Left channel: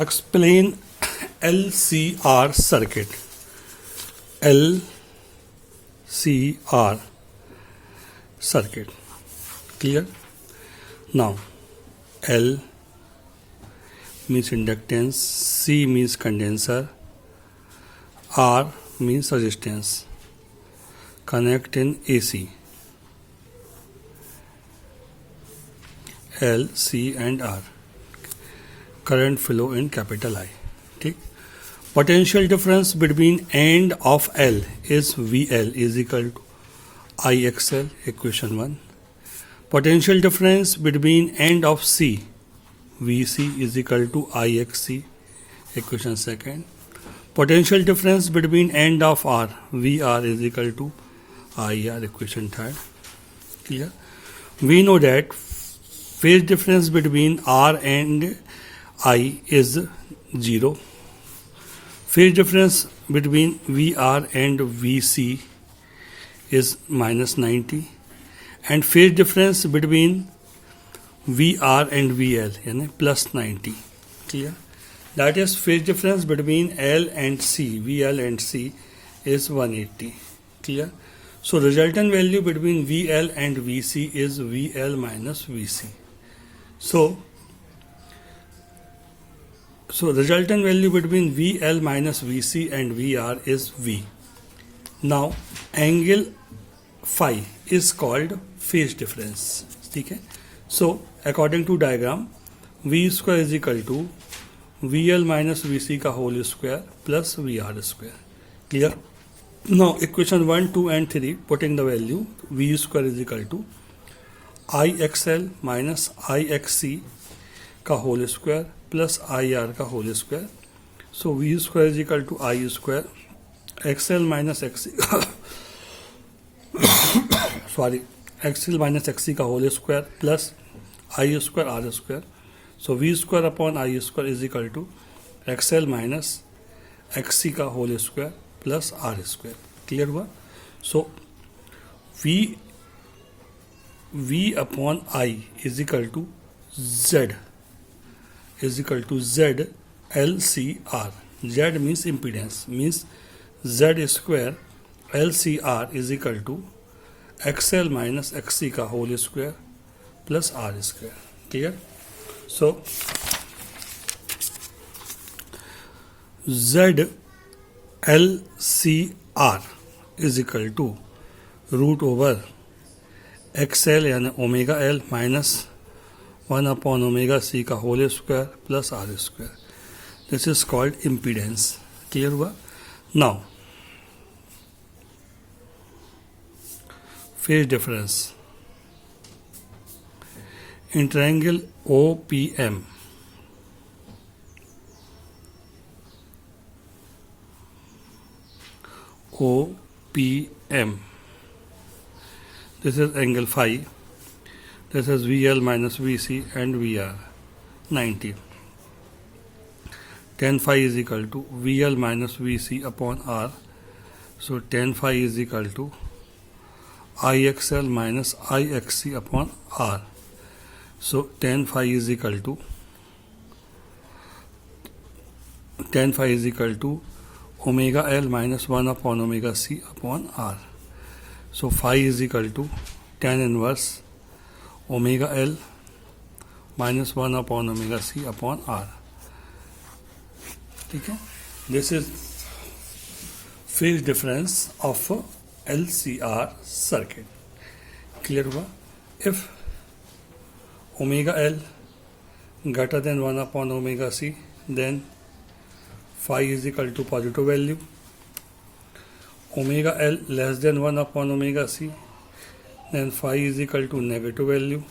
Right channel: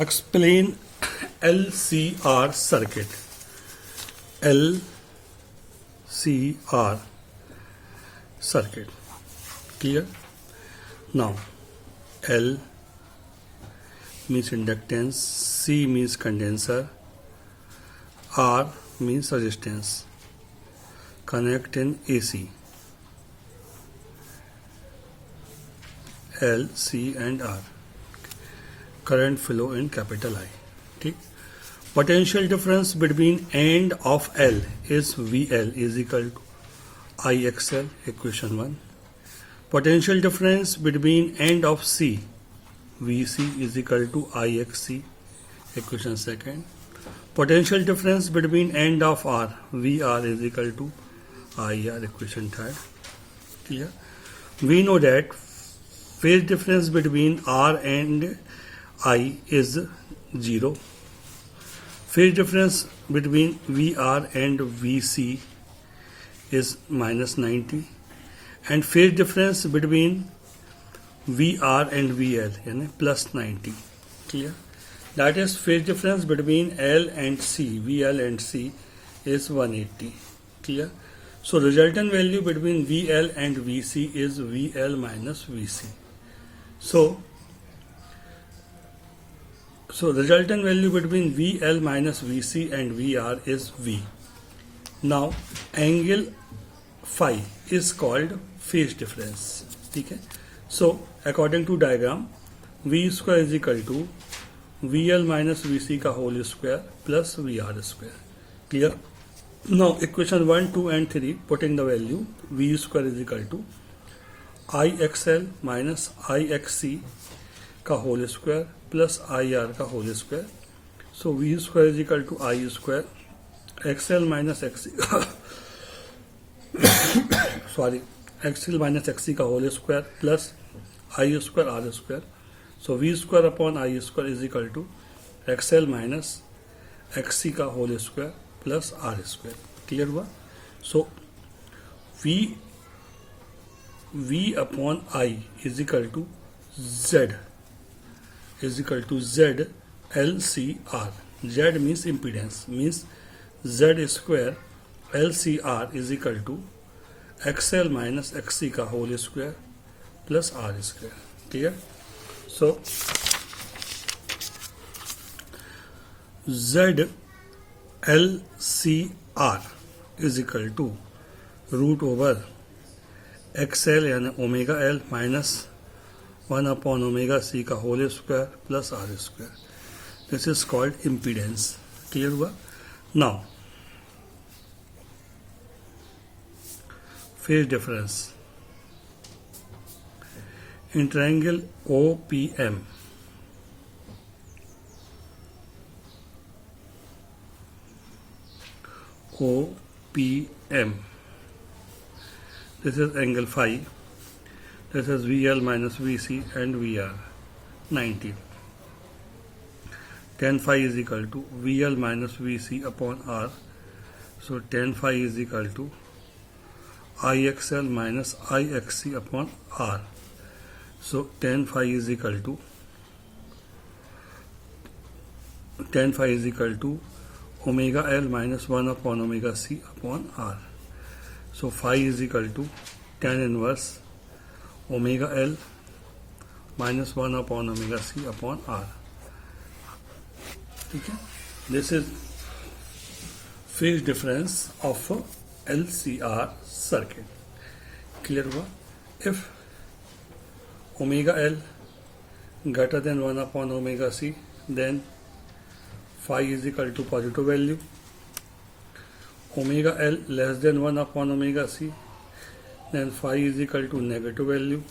Explain LCR circuit. LCR circuit. Clear? Now, L means inductance, C means condenser, R means resistance. Connect in AC. L, C and R. Current flow in capital I. Okay. Potential difference between end of L is VL is equal to IXL, equation 1. Potential difference between end of C, VC is equal to IXC, equation 2nd. Potential difference between end of R, VR is equal to IR, equation 3rd. Clear? We know that phase difference between R and I is 0. Phase difference between VR and VC is minus 90. And phase difference between VR and VL is plus 90. Clear? That is phase difference between L and C, VL and C is 180. Clear? So resultant value between VL and VC is VL minus VC. So resultant value between VL minus VC and VR is V. Now angle phi is called phase difference. Okay? So according to diagram, V square is equal to VL minus VC का whole square plus VR square. Clear? Now equation 1, 2 and 3 putting the value V square is equal to IXL minus IXC का whole square plus IR का whole square. So V square is equal to I square XL minus XC XL minus XC का whole square plus I square R square. So V square upon I square is equal to XL minus XC का whole square plus R square. Clear हुआ? So V upon I is equal to Z LCR. Z means impedance, means Z square LCR is equal to XL minus XC का whole square plus R square. Clear? So Z LCR is equal to root over XL यानी omega L minus 1 upon omega C का whole square plus R square. This is called impedance. Clear हुआ? Now phase difference in triangle OPM. OPM. This is angle phi. This is VL minus VC and VR 90. Tan phi is equal to VL minus VC upon R. So tan phi is equal to IXL minus IXC upon R. So tan phi is equal to omega L minus 1 upon omega C upon R. So phi is equal to tan inverse omega L minus 1 upon omega C upon R. Okay? This is phase difference of LCR circuit. Clear हुआ? If omega L greater than 1 upon omega C, then phi is equal to positive value. Omega L less than 1 upon omega C, then phi is equal to negative value.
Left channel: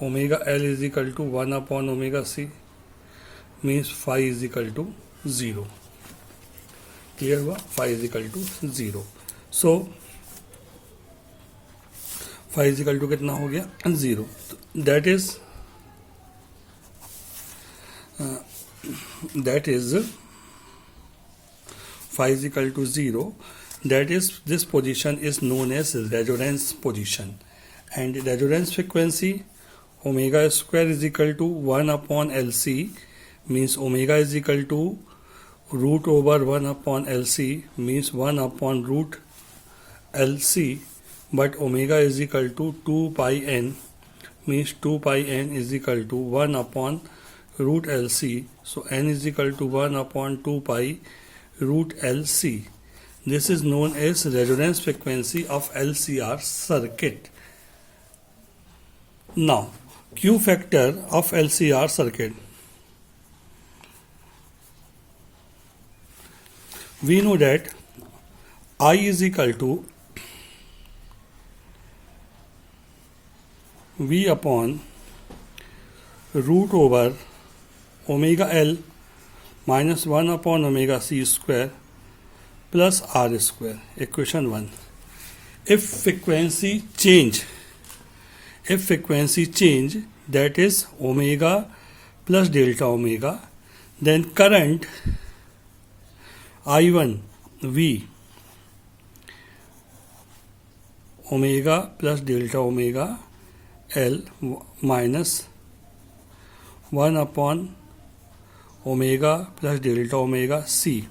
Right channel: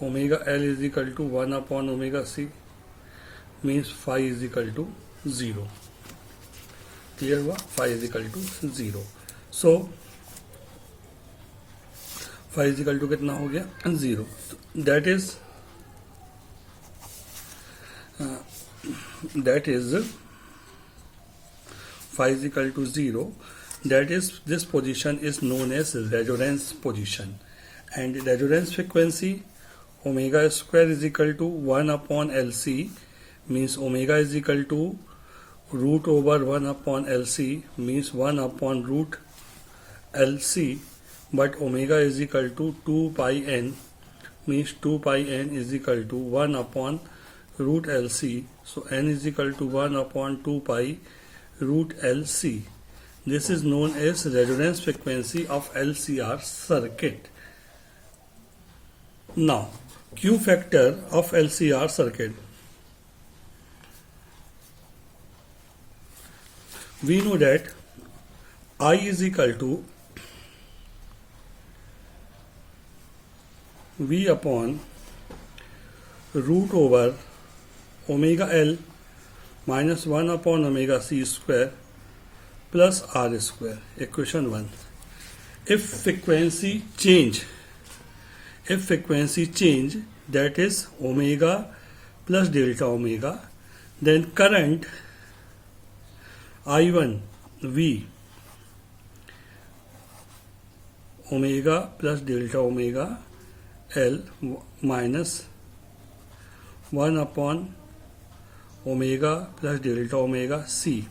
Omega L is equal to 1 upon omega C means phi is equal to 0. Clear हुआ? Phi is equal to 0. So phi is equal to कितना हो गया? 0. That is phi is equal to 0. That is, this position is known as resonance position, and resonance frequency omega square is equal to 1 upon LC means omega is equal to root over 1 upon LC, means 1 upon root LC, but omega is equal to 2 pi n, means 2 pi n is equal to 1 upon root LC. So n is equal to 1 upon 2 pi root LC. This is known as resonance frequency of LCR circuit. Now, Q factor of LCR circuit. We know that I is equal to V upon root over omega L minus 1 upon omega C square plus R square. Equation 1. If frequency change, that is omega plus delta omega, then current I1 V omega plus delta omega L minus 1 upon omega plus delta omega C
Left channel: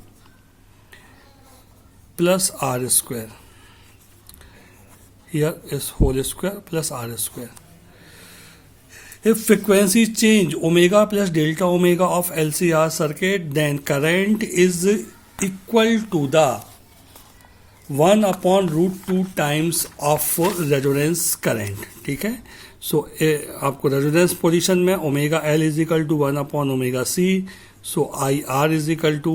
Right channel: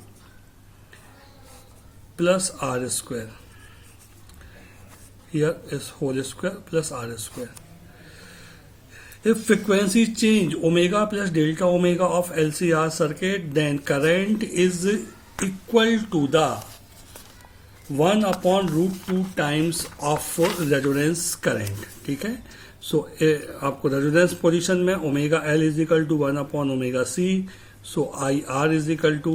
plus R square. Here is whole square plus R square. If frequency change omega plus delta omega of LCR circuit, then current is equal to the 1 upon root 2 times of resonance current. ठीक है. So आपको resonance position में omega L is equal to 1 upon omega C, so I R is equal to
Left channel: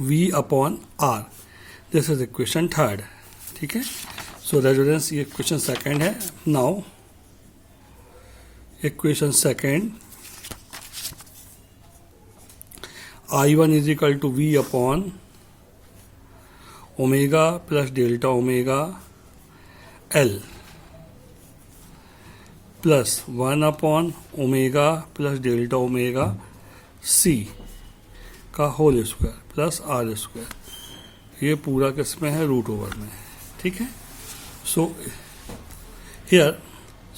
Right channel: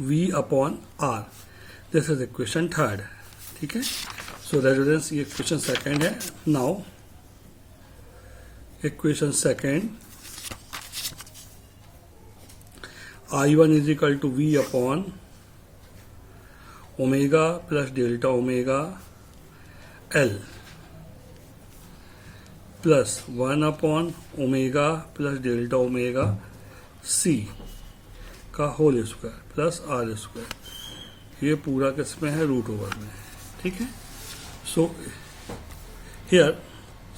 V upon R. This is equation 3. ठीक है. So resonance ये equation 2 है. Now equation 2, I1 is equal to V upon omega plus delta omega L plus 1 upon omega plus delta omega C का whole square plus R square. ये पूरा किसमें है? Root over में. ठीक है. So here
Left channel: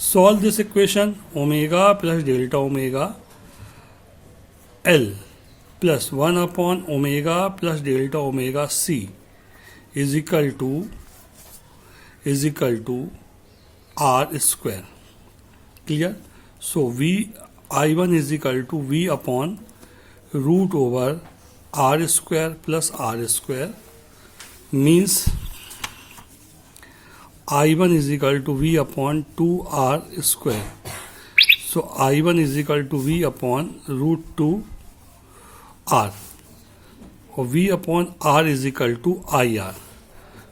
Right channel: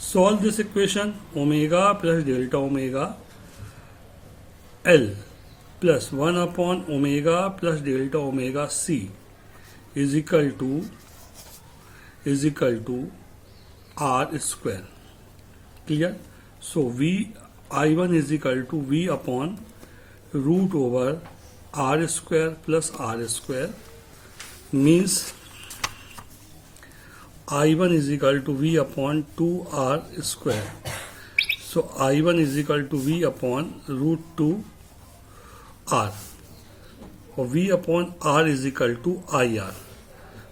solve this equation. Omega plus delta omega L plus 1 upon omega plus delta omega C is equal to R square. Clear? So I1 is equal to V upon root over R square plus R square, means I1 is equal to V upon 2R square. So I1 is equal to V upon root 2 R, or V upon R is equal to IR.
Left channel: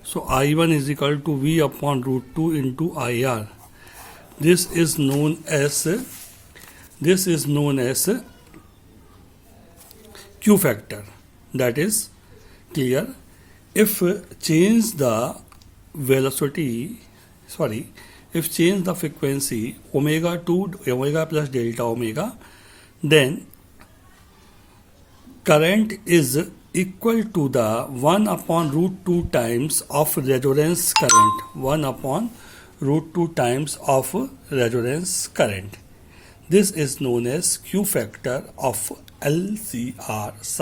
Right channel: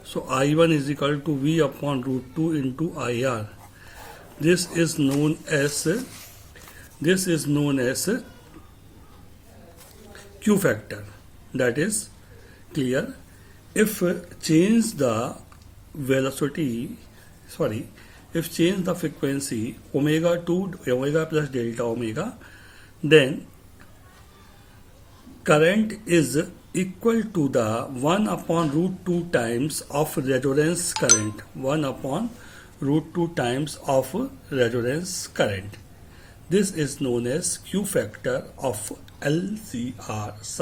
So I1 is equal to V upon root 2 into IR. This is known as Q factor. That is clear. If change the frequency omega to omega plus delta omega, then current is equal to the 1 upon root 2 times of resonance current. 1 upon root 2 times of resonance current. This is known as Q factor of LCR.